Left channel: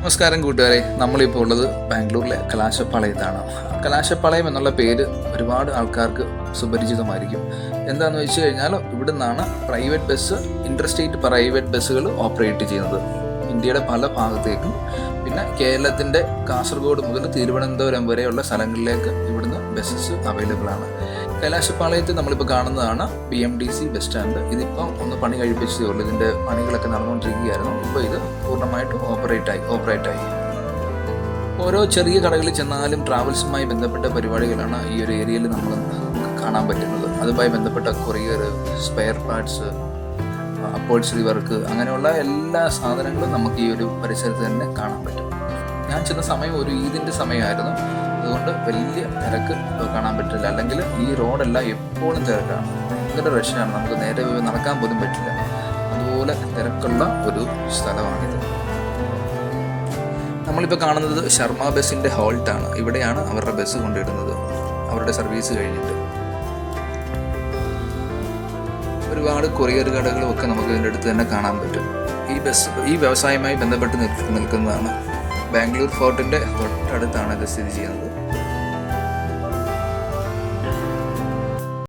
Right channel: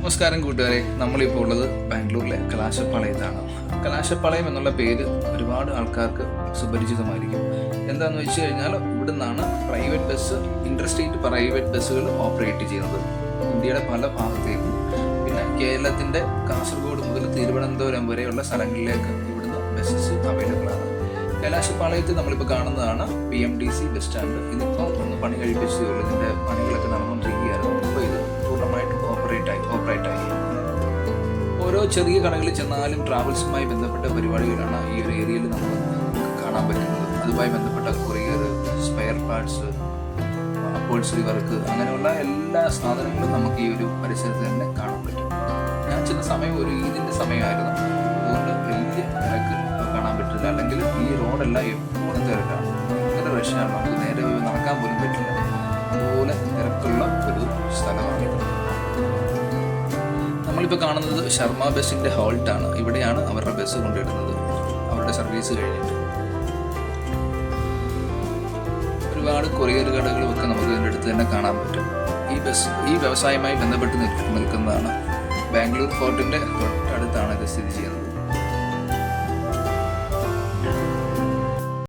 നമസ്കാരം കൂട്ടുകാരെ. നമ്മളിപ്പോൾ ഉള്ളത് ബാംഗ്ലൂരിലെ കലാശപ്പാളയത്താണ്. കലാശപ്പാളയം എന്നുള്ള പേര് ഒരുപാട് ആൾക്കാർക്ക് സുപരിചിതമായിരിക്കും. എന്താണെന്ന് വെച്ച് കഴിഞ്ഞാൽ ഇവിടെ നിന്നാണ് പ്രൈവറ്റ് ബസ് ഇന്റർസ്റ്റേറ്റ് പ്രൈവറ്റ് ബസ്സുകൾ ഓപ്പറേറ്റ് ചെയ്യുന്നത്. ഇന്ത്യയുടെ പല ഭാഗത്തേക്കും. പിന്നെ കേരളത്തിന്റെ കാസർഗോഡ് മുതൽ തിരുവനന്തപുരം വരെയുള്ള സ്ഥലങ്ങളിലേക്ക് ഇവിടുന്ന് ബസ്സസ് അവൈലബിൾ ആണ്. കലാശപ്പാളയത്ത് നമ്മളിപ്പോൾ കാണുന്നതാണ് B M D C bus stand ഇതിപ്പോൾ ഒന്ന് പണി കഴിപ്പിച്ചതേ ഉള്ളൂ ഇതിന്റെ പണികളൊക്കെ നടന്നുകൊണ്ടിരിക്കുകയായിരുന്നു. ഇപ്പോൾ ഇത് പൂർണമായിട്ടും ഓപ്പറേറ്റ് ആയി ഓപ്പറേറ്റ് ആയി ഓരോ ചെറിയ കടകളിൽ ചെന്നാലും ട്രാവൽസുമായി ബന്ധപ്പെട്ട പരിപാടികളാണ് ഈ ഒരു ഏരിയയിൽ നമ്മൾ കാണാൻ പറ്റുന്നത്. അതുമായി ബന്ധപ്പെട്ട courier spare parts upholstery work അങ്ങനെയുള്ള എല്ലാ സാധനങ്ങളും നമുക്ക് ഈ ഒരു പരിസരത്ത് തന്നെ കാണാൻ പറ്റും. ഞാൻ ചെന്ന സമയം ഒരു ഈദിന്റെ സമയമായിരുന്നു. അതുകൊണ്ട് വലിയ തിരക്ക് കാണാൻ പറ്റില്ല. അല്ലെങ്കിൽ ഈ റോഡെല്ലാം എപ്പോഴും തിരക്കാണ്. ഭയങ്കര റഷാണ് നമുക്ക് നേരെ നടക്കാൻ പോലും പറ്റില്ല. അതുപോലെ തിരക്കുള്ള ഒരു സ്ഥലമാണിത് നമ്മളിപ്പോൾ കാണുന്നത് ശർമ്മ ബസ്സിന്റെ ഹോൾട്ടാണ്. ഇവിടെയാണ് അവരുടെ ബസ് കൊണ്ടിടുന്നത് അവരുടെ സർവീസ് കഴിഞ്ഞിട്ട്. ഒരുപാട് കൊറിയർ കടകളും ഒക്കെ നമുക്ക് ഇതിന്റെ അടുത്ത് തന്നെ കാണാൻ പറ്റും. ഈ ബസ് ഈ വ്യവസായവുമായി ബന്ധപ്പെട്ട് നിൽക്കുന്നതാണ്. ബാംഗ്ലൂർ ഫോർട്ടിന്റെ തൊട്ടടുത്താണ് ഇത് സ്ഥിതി ചെയ്യുന്നത്.